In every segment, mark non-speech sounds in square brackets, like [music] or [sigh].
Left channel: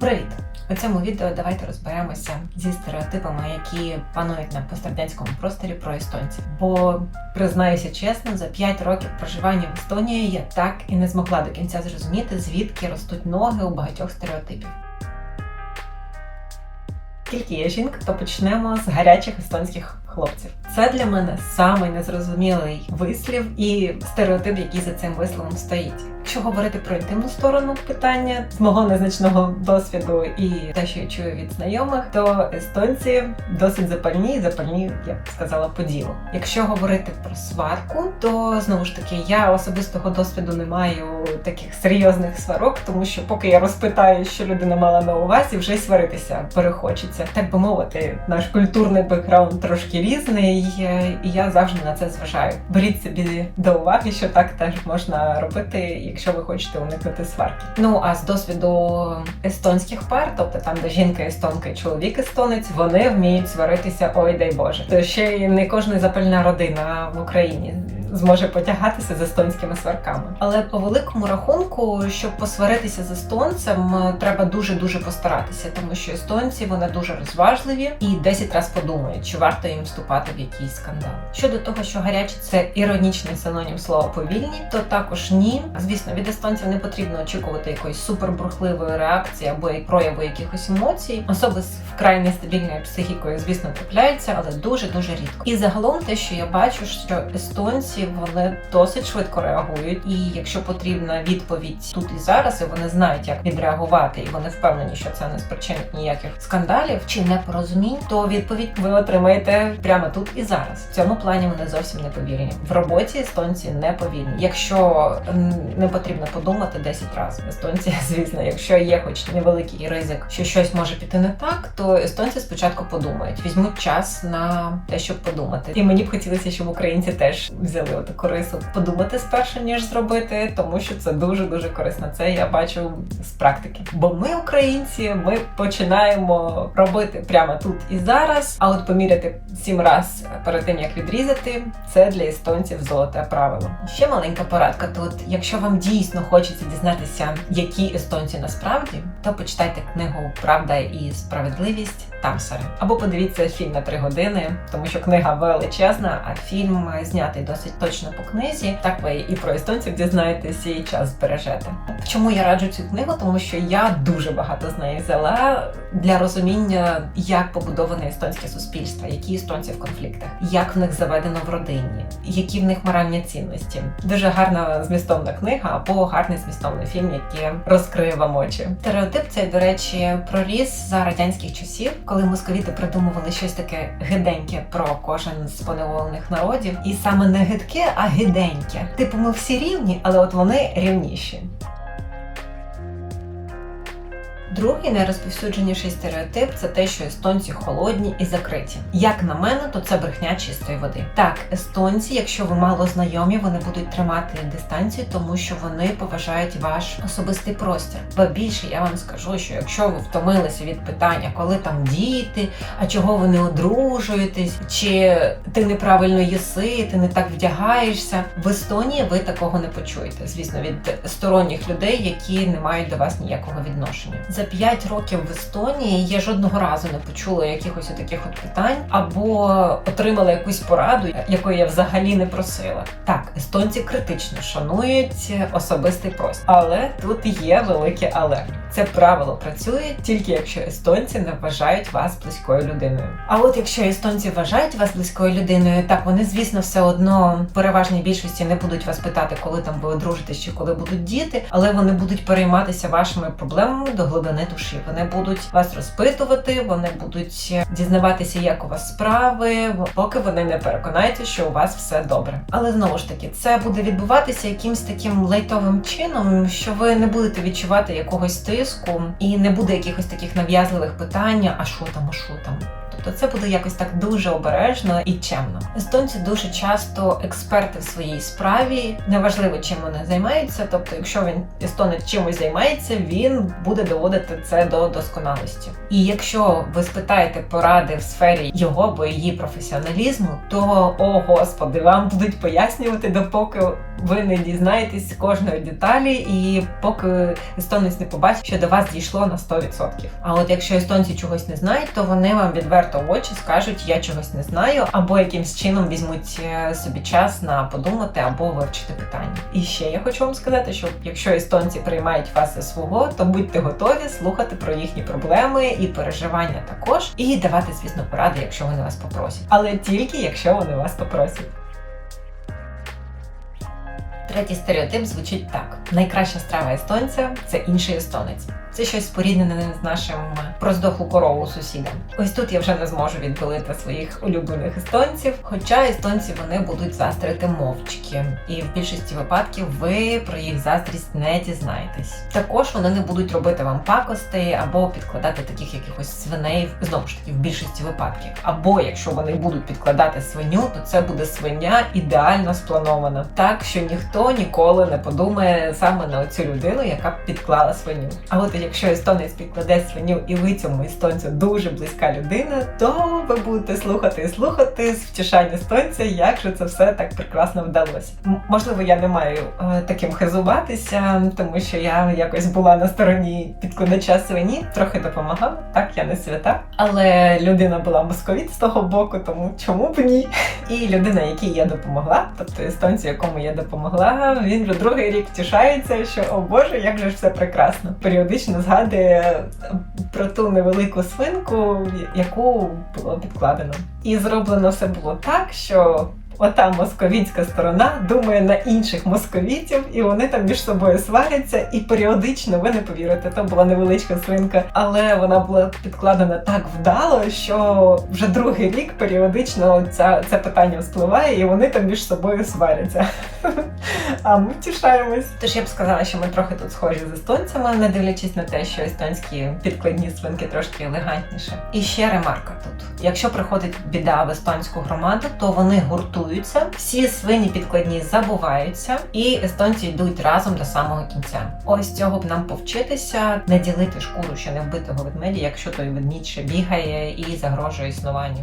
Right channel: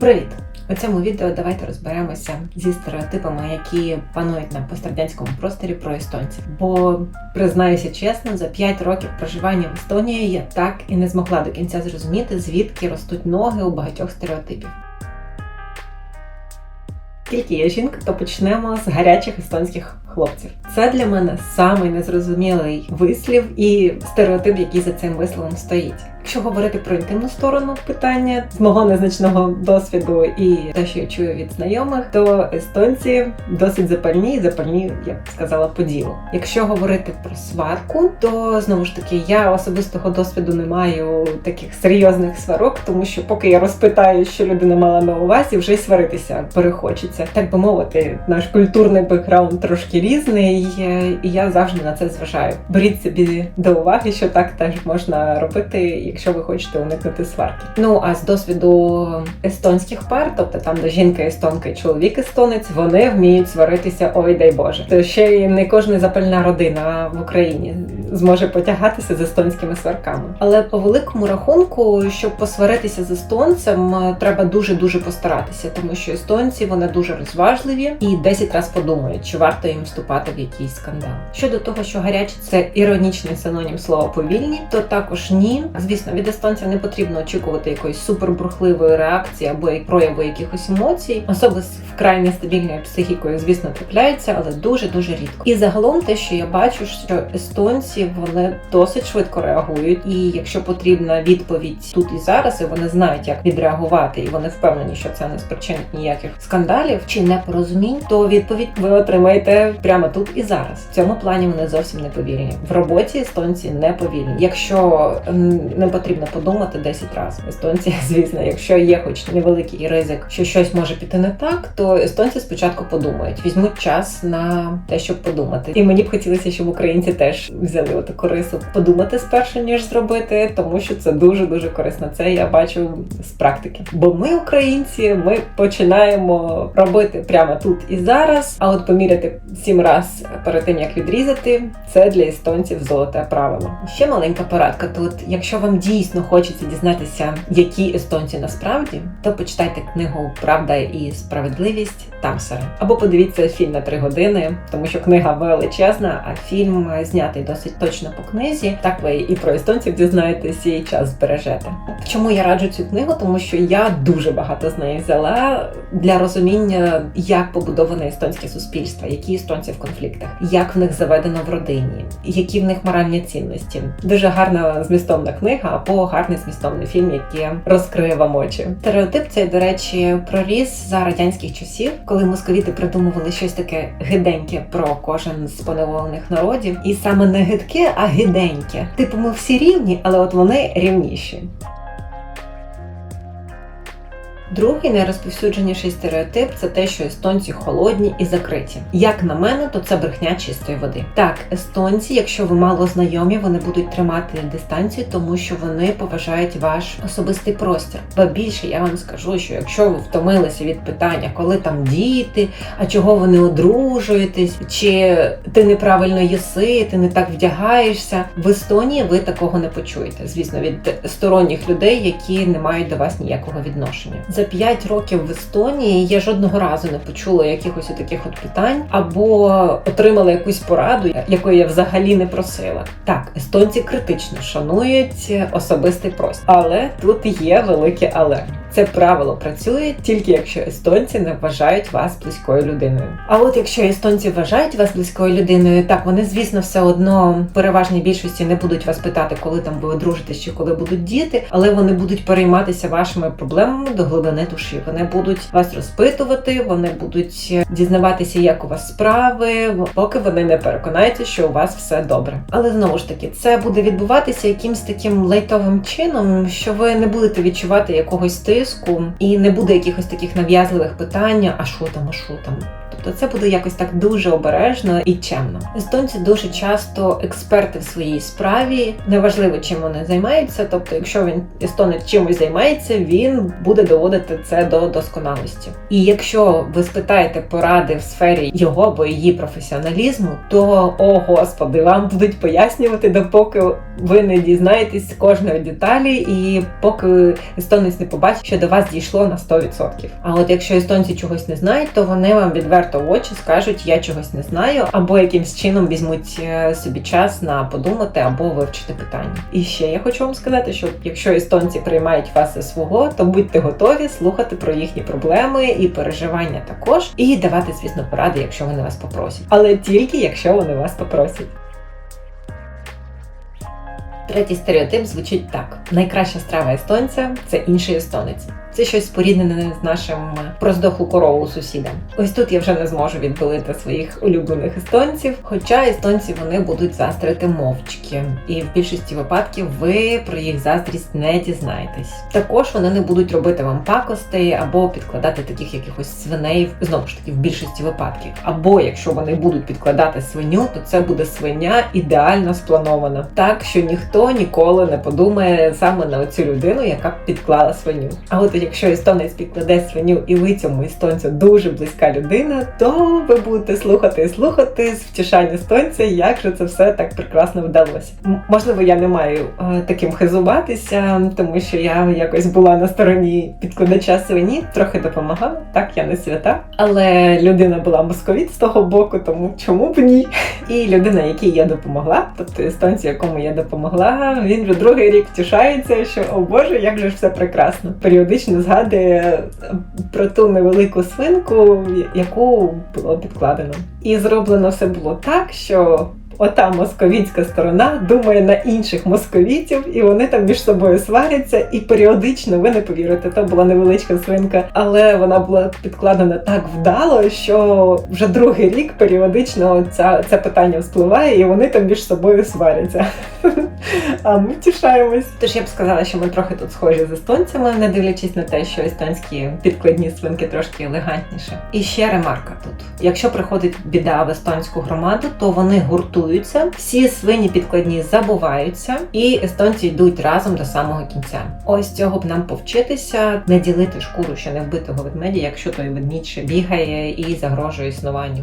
Привіт! У цьому відео давайте розберемося зі стереотипами, які панують на пострадянському просторі про естонців. Бо признаюся чесно, за 5 років проживання в Естонії я так і не змогла до кінця зрозуміти, звідки ростуть ноги у багатьох стереотипів. Тільки я жінка, то почнемо з гарячих естонських хлопців. Це для мене самий незрозумілий вислів і стереотип, який за цим висловом стоїть. Якщо говорити про інтимну сторону питання з мого незначного досвіду і те, що я чую від знайомих, то естонці досить запальні і запальні, я б сказала, по ділу. Якщо говорити про сварку, то знову ж таки я особистого досвіду не маю таких серйозних сварок, тому що поки я розпитаю, що людина мала на увазі, вже й сваритися перехочеться. Так би мовити, наш культурний бекграунд трошки різний, е, і я завжди на це зважаю. Беріть собі до уваги, що так теж можна робити, якщо ви хочете уникнути сварки. Ну а з досвіду естонських пар, тобто там, де жінка естонка і чоловік естонець, вони вміють сваритися, ой дай Боже. Ще й не кожна запальна родина в Україні зможе потягатися з естонськими сварками. Але по великому рахунку, щоб посваритися з естонцем, треба дуже дуже постаратися, тому що естонці вони дуже розважливі і 10 разів подумають, чи варто їм вступати в якийсь скандал. Щодо того, що гарячі це іронічний синонім слова повільні, то також ні. Звісно, від естонця не потрібно очікувати якоїсь супербурхливої реакції або прояву якихось емоцій. Особи з вкрай нестабільною психікою, звісно, трапляються, але дуже дуже рідко. І загалом те, що я бачу, що естонці вони досить швидко реагують, і якщо потрібна відповідь тут і зараз, і вони знають, як відреагувати, і вони впевнені, що це не спричинить ніяких скандалів чи непорозумінь, то відповідь ви отримаєте прямо тут і зараз. В цьому плані вони зовсім не повільні. В роботі естонці не повільні. Якщо не потрібно подумати 10 разів. Естонці, [laughs] звісно, якщо є хоч невеликий ризик, що щось може піти не так, то естонці спочатку подумають, візьмуть час на те, щоб подумати. І мені б хотілося, щоб українці теж взяли таку рису подумати спершу, ніж зробити, тому що це дуже дуже корисно. Це я бачу з практики. Бо ми, українці, ми починаємо робити прямо тут і зараз. А от поміряти сім раз перед тим як відрізати, це для естонців золоте правило. Ще маленька порадка тут. Якщо вам дійсно хочеться дізнатися, які естонці насправді, то почитайте книгу Правда і справедливість Тамсера. Або подивіться фільм на три години, тому що книга величезна, а фільм знятий досить точно по книзі. Так ви і про естонців дізнаєтесь, і час збережете. Чому я раджу цю книгу? Тому що я дуже багато з неї взяла для розуміння, як побудоване естонське суспільство, які естонці в конфліктах, як в них заведено в родині, які в них моральні цінності. Дуже гарна змістовна книга або гарний змістовний фільм, який розкриє вам очі. Стереотип цей, до речі, проріс за радянських часів, коли московіти придумували щось таке гиденьке про кожен з поневолених народів, і саме не гидке, а гиденьке. Типу, ми всі рівні, але от вони рівніші. Другий найрозповсюдженіший стереотип це те, що естонці холодні і закриті. Як на мене, то це брехня чистої води. Так, естонці, якщо ви мало знайомі, вони будуть тримати дистанцію, тому що вони поважають ваш особистий простір. Ба більше я вам скажу, що якщо ви втомилися від питання, коли там діти, а чого ви не одружуєтесь, чи ти неправильно їси, ти не так вдягаєшся. В Естонії ви такого не почуєте. Звісно, від сторонніх людей, які не мають до вас ніякого відношення. За 5 років в Естонії я жодного разу не почула якихось таких от питань або отримала якусь пораду, якої я взагалі не просила. Так, естонці критично шанують особистий простір, але тут є велике але. Це правило працює тільки якщо естонці не вважають вас близькою людиною. А от якщо естонці вважають вас близькою людиною, так вони, звісно, все одно в переважній більшості не будуть вас питати, коли там ви одружитесь чи коли будуть діти, але вони будуть перейматися вашими проблемами до глибини душі. Вони будуть вас розпитувати, вони будуть дізнаватися, як у вас справи, поки вони не переконаються, що у вас все добре. Але знову ж таки, це буде відбуватися якимсь таким лайтовим чином, що ви не будете відчувати якогось тиску і не буде якихось таких нав'язливих питань, а що там, а що там. Тобто то це буде якось так дуже обережно і чемно. Естонці дуже часто експерти в своїй справі, неважливо чим вони займаються. Тобто, якщо він естонець чимось займається, він буде доводити це до досконалості. І якщо ви спитаєте поради в сфері його або її професіоналізму, то о господи, вам будуть пояснювати, допоки ви не дізнаєтесь кожної деталі, і поки естонець не побачить, що до вас дійшло на 100%. А от якщо естонці чогось не знають, то вони вам відверто в очі скажуть, я чогось не знаю, або якимсь чином візьмуть е, собі час на подумати або вивчити питання. І ще я хочу вам сказати, що якщо естонці приймають вас за свого, то будьте готові слухати про їхні проблеми і переживання також, і давати, звісно, поради, якщо вони вас попросять, але тільки якщо вони вас попросять. Третій стереотип звучить так: найкраща страва естонця це інший естонець. Це щось споріднене з нашим проздохлу корову сусідам. Ось тут я вже не зможу відбилити своїх улюблених естонців. Хоча естонці вони будуть заздрити мовчки, і в більшості випадків ви про їх заздрість не дізнаєтесь. Також вони не будуть робити вам пакостей або підкладати таких якихось свиней знову ж таки в більшості випадків. Або якщо вони будуть підкладати свиню, то це буде свиня ідеально спланована, так що ніхто ніколи не подумає саме на цю людину, яка підклала свиню. А от якщо естонець підкладе свиню і ви цьому естонцю дуже близька людина, то ви будете слухати і слухати з втішання естонця, як же це все так прекрасно вдалося. Можливо, я не маю е, таким хизуватися, тому що я якось була на стороні підкладача свині, трохи допомагала. Так, я не свята, але людина була московіт з того боку, тому чому б ні? І людина, якій я допомогла, тобто естонці, якому я допомогла, він вже другий рік втішається, що о Боже, як же ж все прекрасно. Періодично згадує про ту невелику свинку, яку було підкладено. І зроблено все було так, що. Ота московітська сторона думає на інших московітів, і вони там між собою сваряться, і періодично ви не повірите, то була невеличка свинка, але вона була підкладена так вдало, що вже другий рік періодично ця, це питання вспливає, і вони там між собою сваряться. [laughs] А ми втішаємось. Тож я б сказала, що ми трохи тут схожі з естонцями, не дивлячись на те, що естонські підкладні свинки трошки елегантніше. І ще ремарка тут: якщо приходить біда в естонську громаду, то вони гуртуються, всі свині підкладні забуваються, і естонці йдуть разом до самого кінця. Ось цього б нам повчитися, не ділити шкуру ще не вбитого ведмедя, якщо той ведмідь ще бігає і загрожує існуванню.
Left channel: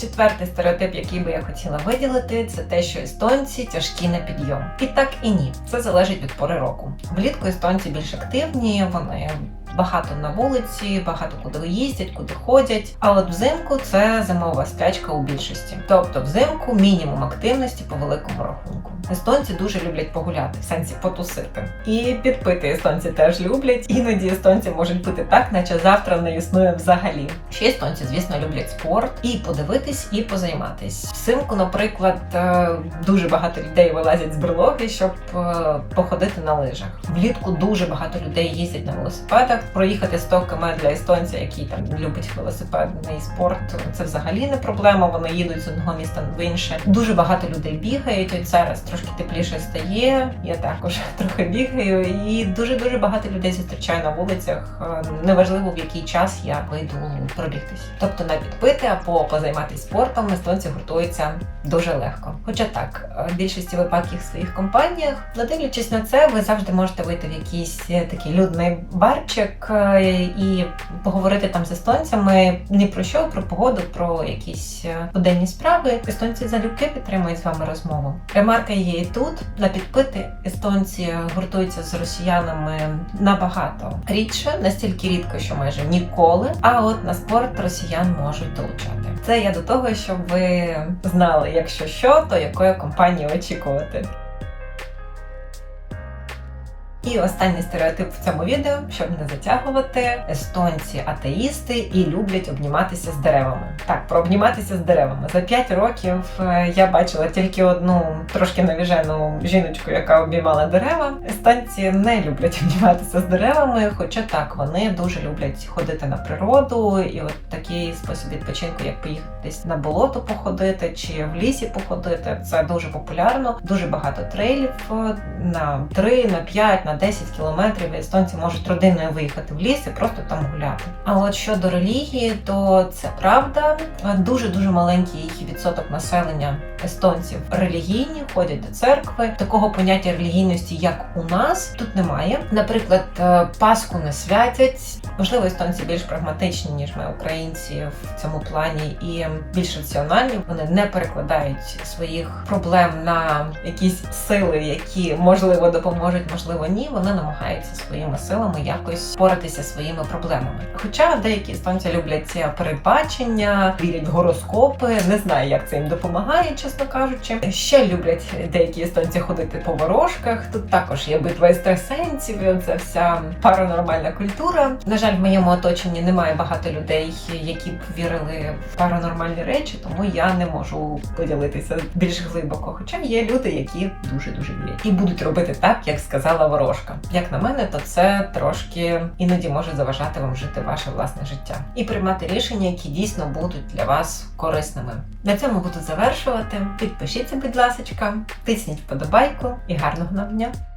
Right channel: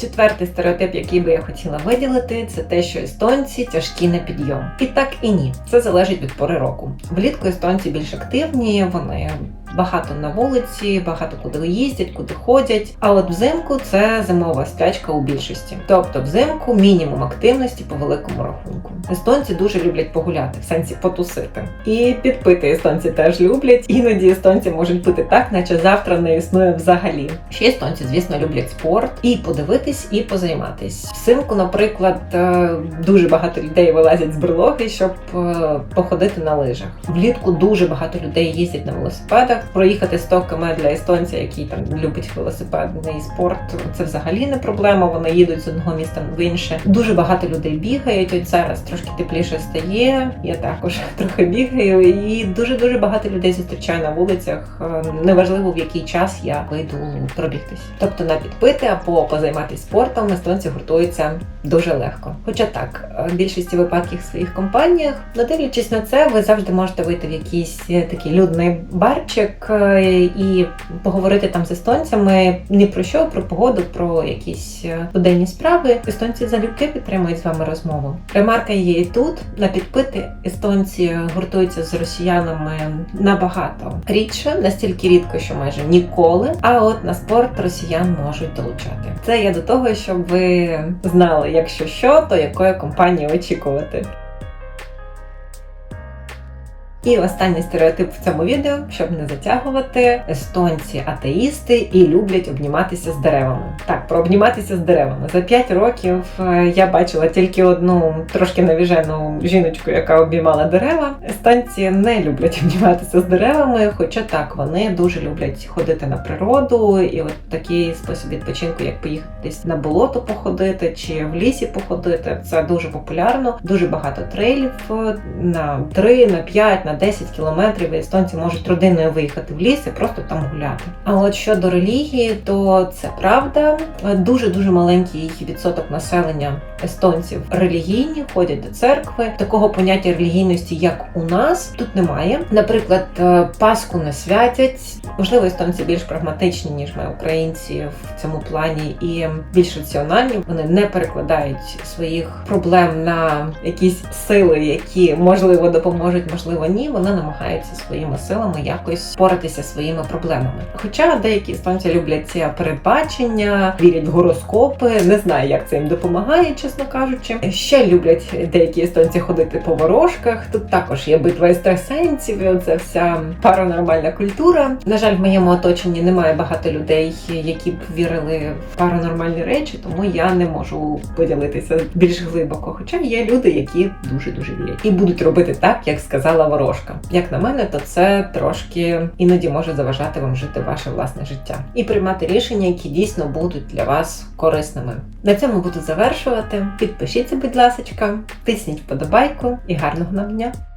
Четвертий стереотип, який би я хотіла виділити, це те, що естонці тяжкі на підйом. І так і ні. Це залежить від пори року. Влітку естонці більш активні, вони багато на вулиці, багато куди їздять, куди ходять. А от взимку це зимова сплячка у більшості. Тобто взимку мінімум активності по великому рахунку. Естонці дуже люблять погуляти, в сенсі потусити. І підпити естонці теж люблять. Іноді естонці можуть пити так, наче завтра не існує взагалі. Ще естонці, звісно, люблять спорт і подивитись, і позайматись. Взимку, наприклад, е, дуже багато людей вилазять з берлоги, щоб е, походити на лижах. Влітку дуже багато людей їздять на велосипедах. Проїхати 100 км для естонця, який там любить велосипедний спорт, це взагалі не проблема. Вони їдуть з одного міста в інше. Дуже багато людей бігають. От зараз трошки тепліше стає. Я також [laughs] трохи бігаю, і дуже дуже багато людей зустрічаю на вулицях. Е, Неважливо в який час я вийду пробігтись. Тобто на підпити або позайматися спортом естонці гуртуються дуже легко. Хоча так, е, в більшості випадків в своїх компаніях, не дивлячись на це, ви завжди можете вийти в якийсь е, такий людний барчик е, і поговорити там з естонцями ні про що, про погоду, про якісь е, буденні справи. Естонці залюбки підтримують з вами розмову. Ремарка є і тут. На підпити естонці гуртуються з росіянами набагато рідше, настільки рідко, що майже ніколи. А от на спорт росіян можуть долучати. Це я до того, щоб ви знали, якщо що, то якої компанії очікувати. І останній стереотип в цьому відео, щоб не затягувати, естонці атеїсти і люблять обніматися з деревами. Так, обніматися з деревами. За 5 років е, я бачила тільки одну трошки навіжену жіночку, яка обіймала дерева. Естонці не люблять обніматися з деревами, хоча так, вони дуже люблять ходити на природу, і от такий спосіб відпочинку, як поїхати десь на болото походити чи в лісі походити. Це дуже популярно, дуже багато трейлів е, на 3, на 5, на на 10 кілометрів і естонці можуть родиною виїхати в ліс і просто там гуляти. А от щодо релігії, то це правда. Дуже дуже маленький відсоток населення естонців релігійні, ходять до церкви. Такого поняття релігійності, як у нас, тут немає. Наприклад, е, Пасху не святять. Можливо, естонці більш прагматичні ніж ми, українці, в цьому плані і більш раціональні. Вони не перекладають своїх проблем на якісь сили, які можливо допоможуть, можливо, ні. Вони намагаються своїми силами якось впоратися зі своїми проблемами. Хоча деякі естонці люблять ці передбачення, вірять в гороскопи. Не знаю, як це їм допомагає, чесно кажучи. Ще люблять деякі естонці ходити по ворожках. Тут також є битва екстрасенсів, і оце вся паранормальна культура. На жаль, в моєму оточенні немає багато людей, які б вірили в паранормальні речі, тому я не можу поділитися більш глибоко. Хоча є люди, які дуже дуже вірять і будуть робити так, як сказала ворожка. Як на мене, то це трошки іноді може заважати вам жити ваше власне життя і приймати рішення, які дійсно будуть для вас корисними. На цьому буду завершувати. Підпишіться, будь ласка, тисніть вподобайку і гарного нам!